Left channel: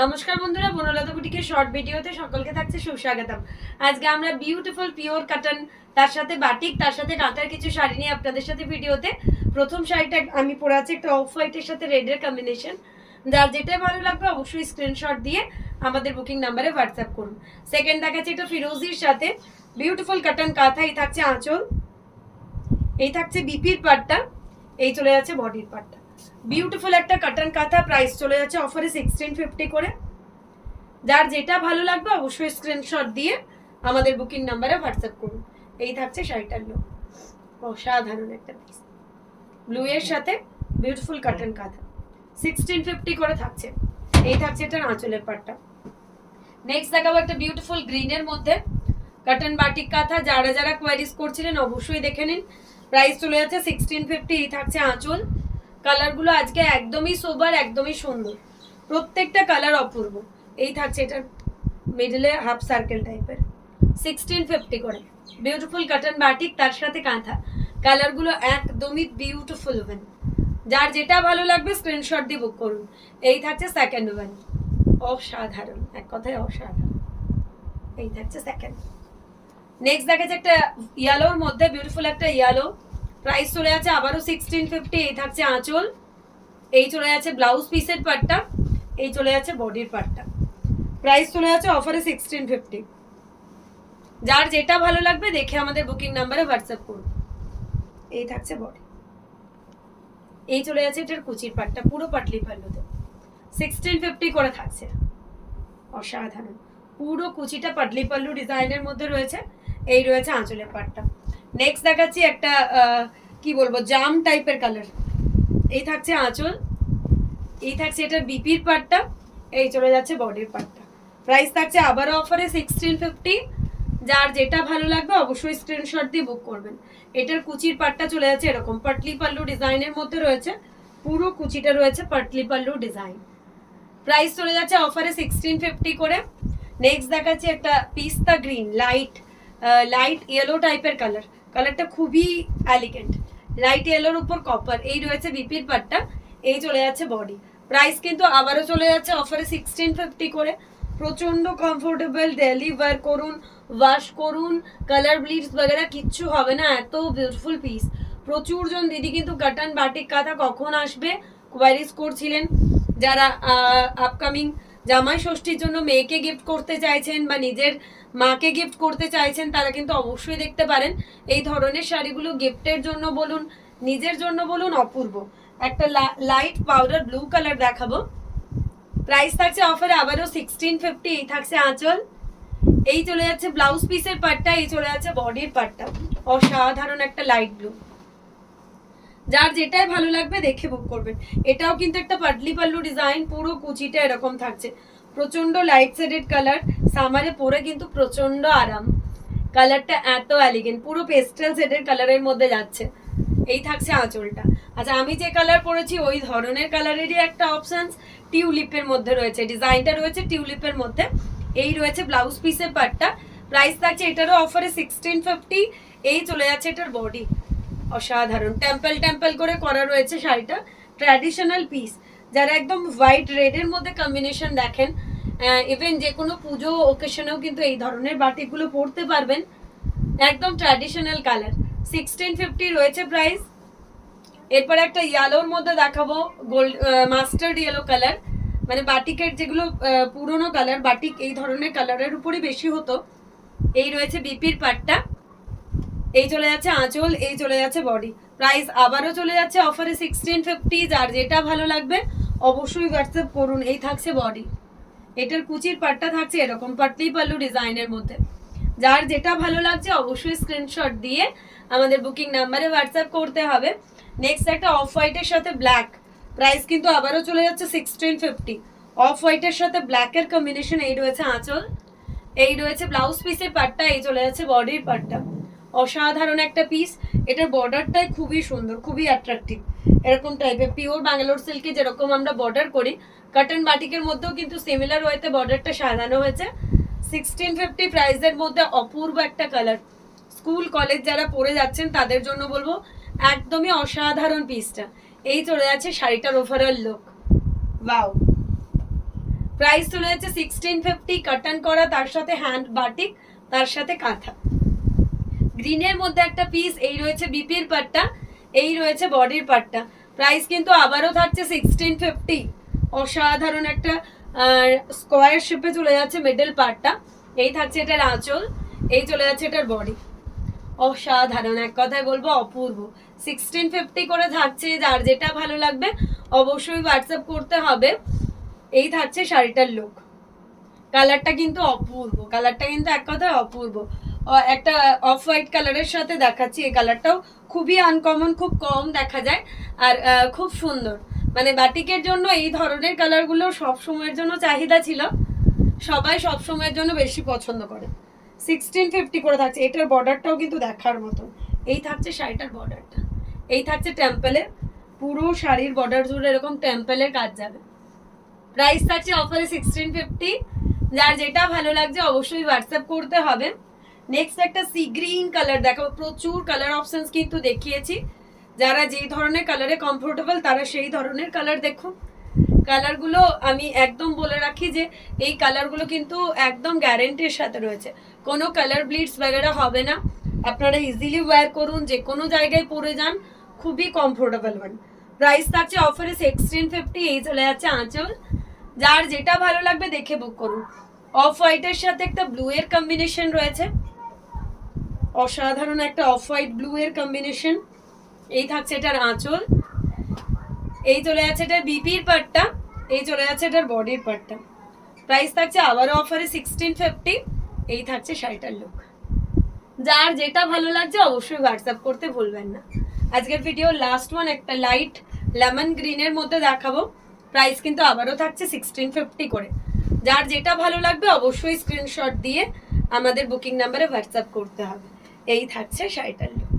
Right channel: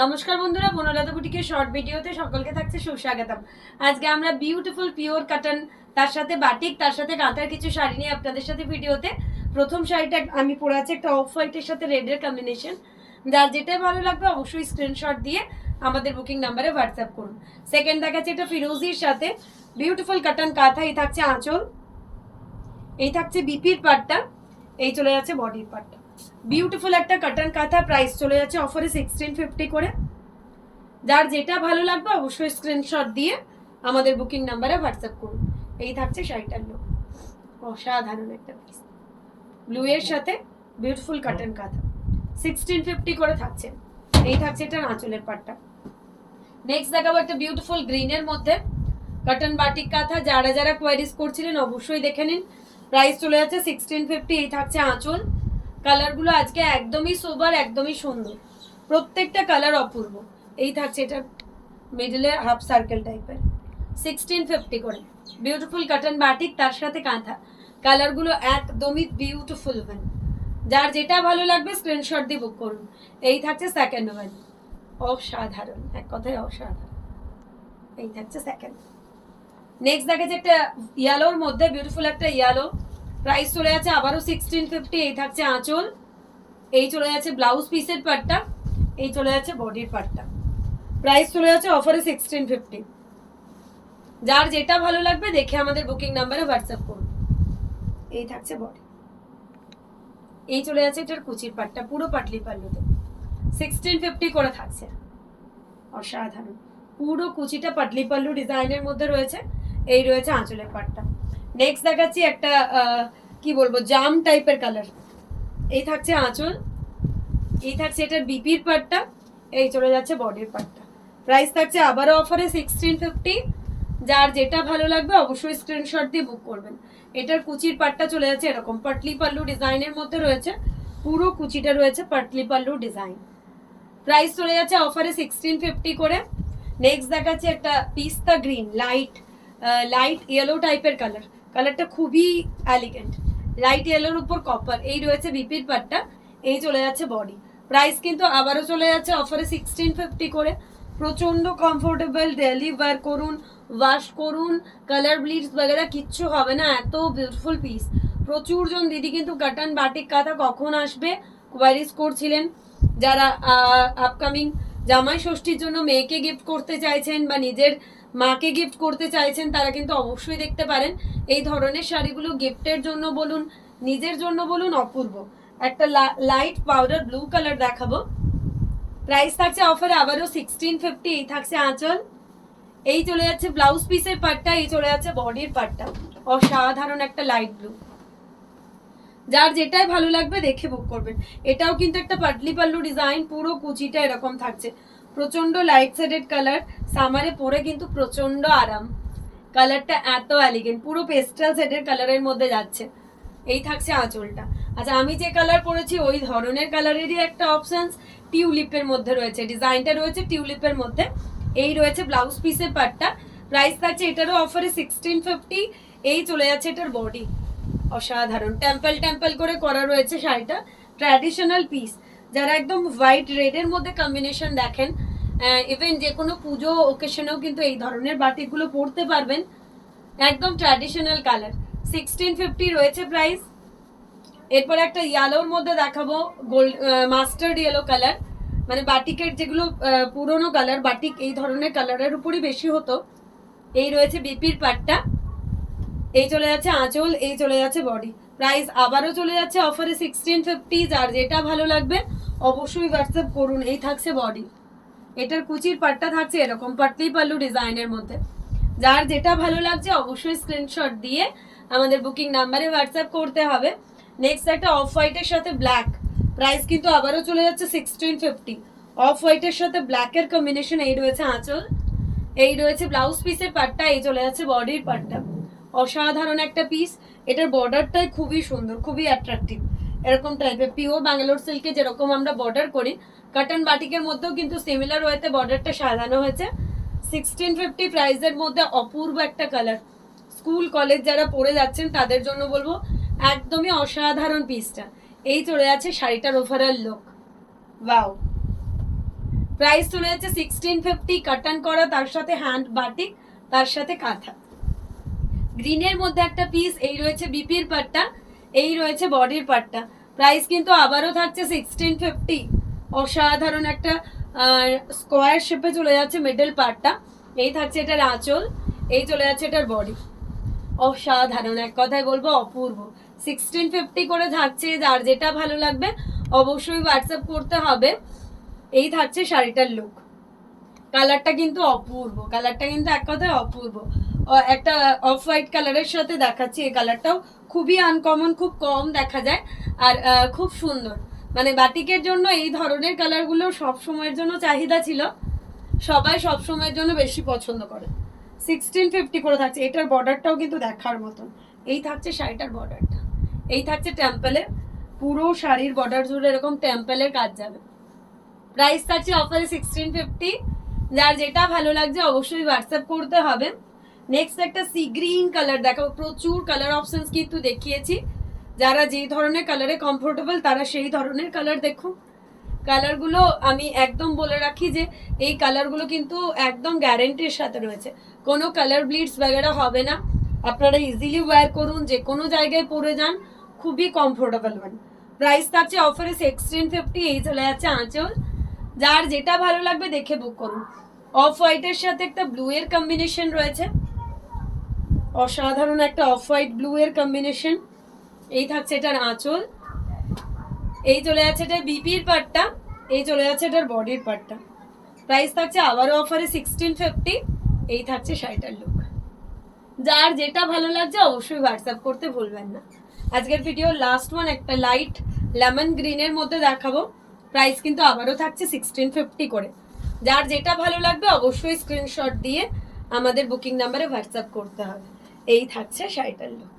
নমস্কার বন্ধুরা, বনলতা বুটিকের শর্ট ভিডিওতে সকলকে থাকছে সুস্বাগতম। আজকে আমরা বিউটিফুল পিওর কটন, তার সাথে বাটিক, তার সাথে কাঁথার কিছু শাড়ি নিয়ে আপনাদের সাথে ভিডিওতে। প্রথম শাড়িটা আমি পরে আছি একটা অফ হোয়াইটের সাথে রেডের কম্বিনেশন। যার যেটাই ভালো লাগবে অবশ্যই স্ক্রিনশট দিয়ে আমাদের বুকিং নাম্বারে হোয়াটসঅ্যাপ করুন। সেকেন্ড দেখাচ্ছি একটা ফিরোজির সাথে বিউটিফুল কটন কাঁথা। এই থাকছে আঁচল, এই থাকছে বিপির পাটটা, এই চলে যাচ্ছে বডির পাটটা। বিউটিফুল একটা কটন কাঁথা, প্রাইস চলে যাচ্ছে অফারে 1650 করে। যার যেটা ভালো লাগবে অবশ্যই স্ক্রিনশট দিয়ে আমাদের বুকিং নাম্বারে হোয়াটসঅ্যাপ করুন। এই থাকছে শাড়িটার লুক, অসাধারণ একটা পিস, ব্লু এর সাথে বিউটিফুল কটন কাঁথা, 1650 করে থাকছে। এই থাকছে এটা আঁচলের পাটটা। নেক্সট দেখাবো একটা বিউটিফুল গ্রিনের মধ্যে কটন বাটিক কাঁথা। যারা যারা কোয়ারিজ করছিলেন অবশ্যই দেখে নিন। প্রাইস চলে যাচ্ছে 1650। এই থাকছে আঁচল। কালারগুলো আজকে একদমই সোবার, একদমই সুন্দর, প্রত্যেকটা কালার অপূর্ব। এই থাকছে এটা মিডলে হাফ সার্কেল টাইপের, 1650 করে। বিউটিফুল কটন বাটিক, তার সাথে কাঁথা, কালারগুলো একদমই বিউটিফুল ওয়ান। যার যেটা ভালো লাগবে স্ক্রিনশট দিয়ে বুক করুন। এই থাকছে সেকেন্ড ওয়ান, অসাধারণ, এক কথায় অসাধারণ। এই থাকছে সেকেন্ড। নেক্সট দেখা যাচ্ছে একটা ইয়েলোর মধ্যে বিউটিফুল একটা ইয়েলো। প্রাইস চলে যাচ্ছে আবারও 1650। এই থাকছে আঁচল, এই চলে যাচ্ছে ব্লাউজ পিসের পার্টটা, এই চলে যাচ্ছে বডির পার্টটা। প্রাইস চলে যাচ্ছে অফারে 1650। যার যেটা ভালো লাগবে দেখে আমাদের বুকিং নাম্বারে হোয়াটসঅ্যাপ করুন। এই থাকছে বডি, এই চলে যাচ্ছে এটার কুচির পাটটা, পুরো পাটলি পাল্লুতে 1650 করে থাকছে। অসাধারণ, পুরো কুচিটা পাটলি পাল্লু ডিজাইনের মধ্যে রয়েছে। এই রয়েছে আঁচলের পাটটা। নেক্সট দেখাচ্ছি একটা কি বলবো, জাম টাইপের কালার। এই থাকছে আঁচল, এই থাকছে এটার বিপির পাটটা, এই চলে যাচ্ছে বডির পাটটা। প্রাইস থাকছে আবারও অফারে 1650। যার যেটা ভালো লাগবে অবশ্যই স্ক্রিনশট দিয়ে বুক করবেন। এটার কুচির পাটটা চলে যাচ্ছে এরকম পাটলি পাল্লু ডিজাইনের মধ্যে রয়েছে, পুরো কুচিটা রয়েছে পাটলি পাল্লু ডিজাইন। প্রাইস চলে যাচ্ছে অফারে 1650 করে। নেক্সট দেখাচ্ছি একটা পিস্তা গ্রিন, লাইট ইয়েলো টাইপের কালার। কালারটা খুবই এলিগেন্ট, লাইট ইয়েলোর উপর কপার। এই রয়েছে বিপির পাটটা, এই চলে যাচ্ছে বডি। প্রাইস কিন্তু আবারও চলে যাচ্ছে অফারে 1650 করে। প্রচন্ড কমফোর্টেবল, ডেলি ওয়্যার করুন, ওয়াশ করুন, কালার ব্লিডস বগেরা কিচ্ছু হবে না, এত বিউটিফুল পিস। প্রচুর জন দিদি কিন্তু কটন বাটিক কাঁথা কখন আসবে কোয়ারিজ করছিলেন। যারা আপকামিং জামাই ষষ্ঠীর জন্য মেয়েকে গিফট করতে চাইছেন বা নিজের মাকে গিফট করতে চাইছেন, তারা কিন্তু অবশ্যই দেখতে পারেন। এই ধরনের শাড়িগুলো গিফটের জন্য বলুন, নিজের জন্য বলুন, অপূর্ব। একটা লাইট পাউডার ব্লু কালার দেখাবো। প্রাইস থাকছে অফারে আবারও 1650। এই থাকছে আঁচল, এই চলে যাচ্ছে ব্লাউজ পিসের পার্টটা, এই চলে যাচ্ছে বডির পার্টটা। অসাধারণ একটা লাইট ব্লু। যার যেটাই ভালো লাগবে দেখে বুক করবেন। এটাও কিন্তু একটা পাটলি পাল্লু ডিজাইন, পুরো কুচিটা এরকম থাকছে, প্রচন্ড লাইট শেডেড কালার। সামারে পরে কিন্তু প্রচন্ড আরাম। কালারটা এত এলিগেন্ট, পুরো পেস্টেল শেডের কালারের মধ্যে যাচ্ছে। এই থাকছে আঁচলটা। আচ্ছা, আমি যে কালার পরেছি ওই ধরনের কালারেরই একটা অপশন টিউলিপের মধ্যে রয়েছে, ডিজাইনটা রয়েছে টিউলিপের মধ্যে। এই রয়েছে ব্লাউজ পিসের পার্টটা। প্রাইস থাকছে এটারও অফারে 1650। এই চলে যাচ্ছে এটার বডি, অসাধারণ টেম্পল টেম্পল করে করা রয়েছে শাড়িটা, ট্র্যাডিশনাল পিস। যারা একদম হোয়াইট রেডের মধ্যে কম্বিনেশন দেখেন, ইভেন যে কোনো পুজো ওকেশনেও কিন্তু এই ধরনের বাটিকগুলো পরতে পারবেন। একদম ট্র্যাডিশনাল কালার, 1650 রয়েছে প্রাইস। এরপর একটা ইয়েলোর মধ্যে দেখাবো, গোল্ড মাস্টার্ড ইয়েলো কালার। মানে বাটিকের যেগুলো পুরনো কালার, বাটিক এই ধরনের কালারের উপরই বেশি হতো। এই রয়েছে বিপির পাটটা, এই চলে যাচ্ছে আঁচল, এই চলে যাচ্ছে বডি। প্রাইস আবারও চলে যাচ্ছে অফারে 1650। যার যেটা ভালো লাগবে অবশ্যই হোয়াটসঅ্যাপ করুন। এই থাকছে বডি, এটার কুচির পাটটা থাকছে এরকম পাটলি পাল্লু ডিজাইনের মধ্যে। যার যেটা ভালো লাগছে অবশ্যই স্ক্রিনশট দিয়ে আমাদের বুকিং নাম্বারে হোয়াটসঅ্যাপ করতে হবে। নেক্সট একটা অফ হোয়াইটের সাথে ব্ল্যাক। প্রাইস কিন্তু আবারও চলে যাচ্ছে 1650। অফ হোয়াইটের সাথে ব্ল্যাকের কম্বিনেশন। এই রয়েছে আঁচল, এই রয়েছে ব্লাউজ পিসের পাটটা, এই চলে যাচ্ছে বডির পাটটা। অসাধারণ একটা পিস। এটার বর্ডারটাই খুবই সুন্দর, খুবই অ্যাট্রাকটিভ। এরকম টাইপের পিওর ব্যাঙ্গালোর সিল্কে যেরকম আমরা বর্ডার করি, কটন বাটিকের মধ্যেও কিন্তু সিমিলার ওয়েতে বর্ডারটা সাজানো হয়েছে। 1650 প্রাইসের মধ্যে অপূর্ব একটা কালার। স্কুল কলেজ যারা পড়ে যাচ্ছেন তাদের জন্য বলবো একদমই অসাধারণ পিসটা। এই চলে যাচ্ছে শাড়িটার ওভারঅল লুক, ওয়াও। প্রাইস চলে যাচ্ছে 1650, কাটান করা, তার সাথে হ্যান্ড বাটিক, তার সাথে কাঁথা। গ্রিনের মধ্যে একটা পিস, এই রয়েছে বিপির পাটটা, এই রয়েছে বডির পাটটা। প্রাইস কিন্তু আবারও থাকছে 1650। অসাধারণ একটা স্কোয়ার শেপে চলে যাচ্ছে মিডল পার্টটা। এই থাকছে এটার আঁচল, এই চলে যাচ্ছে এটার বডি। অসাধারণ, এক কথায় বলবো অপূর্ব। 1650 করে থাকছে, যার যেটা ভালো লাগবে অবশ্যই হোয়াটসঅ্যাপ করতে হবে। এই থাকছে শাড়িটার লুক। কালারটা কিন্তু অপূর্ব, কালারটা কিন্তু এক কথায় অপূর্ব। একটা অফ হোয়াইট কালারের সাথে দেখাচ্ছি, এই কালারটাও খুবই আনকমন, খুব কম দেখা যায় আর খুব সুন্দর। মানে বাটিকের জন্য এই ধরনের কালারগুলো সব সময়ের জন্য চাহিদা ছিল, সবাই সব সময়ের জন্য বেশি পছন্দ করে। 1650 করে থাকছে। এটার বর্ডারটাও কিন্তু দেখার মতন। এই থাকছে শাড়িটার বর্ডারটা, এই থাকছে টেম্পলের, পুরো শাড়ির বর্ডার জুড়ে এরকম টেম্পলের কাজ যাবে। প্রাইস থাকছে অফারে 1650। যার যেটা ভালো লাগছে অবশ্যই হোয়াটসঅ্যাপ করতে হবে। নেক্সট একটা সি গ্রিন কালার দেখাবো। প্রচুর কালার অপশনস কিন্তু দেখিয়েছি, যারা যে ধরনের কালারে কমফোর্টেবল তারা সেই ধরনের কালার দেখুন। কালারগুলো আমি একদম বলে রাখি যে এই কালারগুলো কিন্তু একদম গ্যারেন্টির সাথে রয়েছে, কোনো কালার ব্লিডস বগেরা হবে না। আপনারা ইজিলি ওয়্যার করুন, যে কোনো জায়গায় পরে যান, খুবই কমফোর্টেবল হন। প্রাইস থাকছে অফারে 1650। এই চলে যাচ্ছে আঁচল। যার যেটা ভালো লাগবে দেখে বুক করুন। অফ হোয়াইটের সাথে একটা ব্লু এর কম্বিনেশন রয়েছে, অসাধারণ একটা অফ হোয়াইট ব্লু এর কম্বিনেশন। এই থাকছে এটার আঁচল, এই চলে যাচ্ছে এটার বিপির পার্টটা, এই চলে যাচ্ছে এটার বডির পার্টটা। প্রাইস থাকছে আবারও অফারে 1650। এই থাকছে শাড়িটার লুক। যার যেটা ভালো লাগছে অবশ্যই হোয়াটসঅ্যাপ করতে ভুলবেন না। আজকের ভিডিও লাস্ট ওয়ান একটা লাইট লেমন গ্রিনের মধ্যে দেখাবো। প্রাইস কিন্তু আবারও থাকছে 1650 করে। যার যেটা ভালো লাগবে অবশ্যই স্ক্রিনশট দিয়ে আমাদের বুকিং নাম্বারে হোয়াটসঅ্যাপ করতে হবে। এই থাকছে শাড়িটার লুক।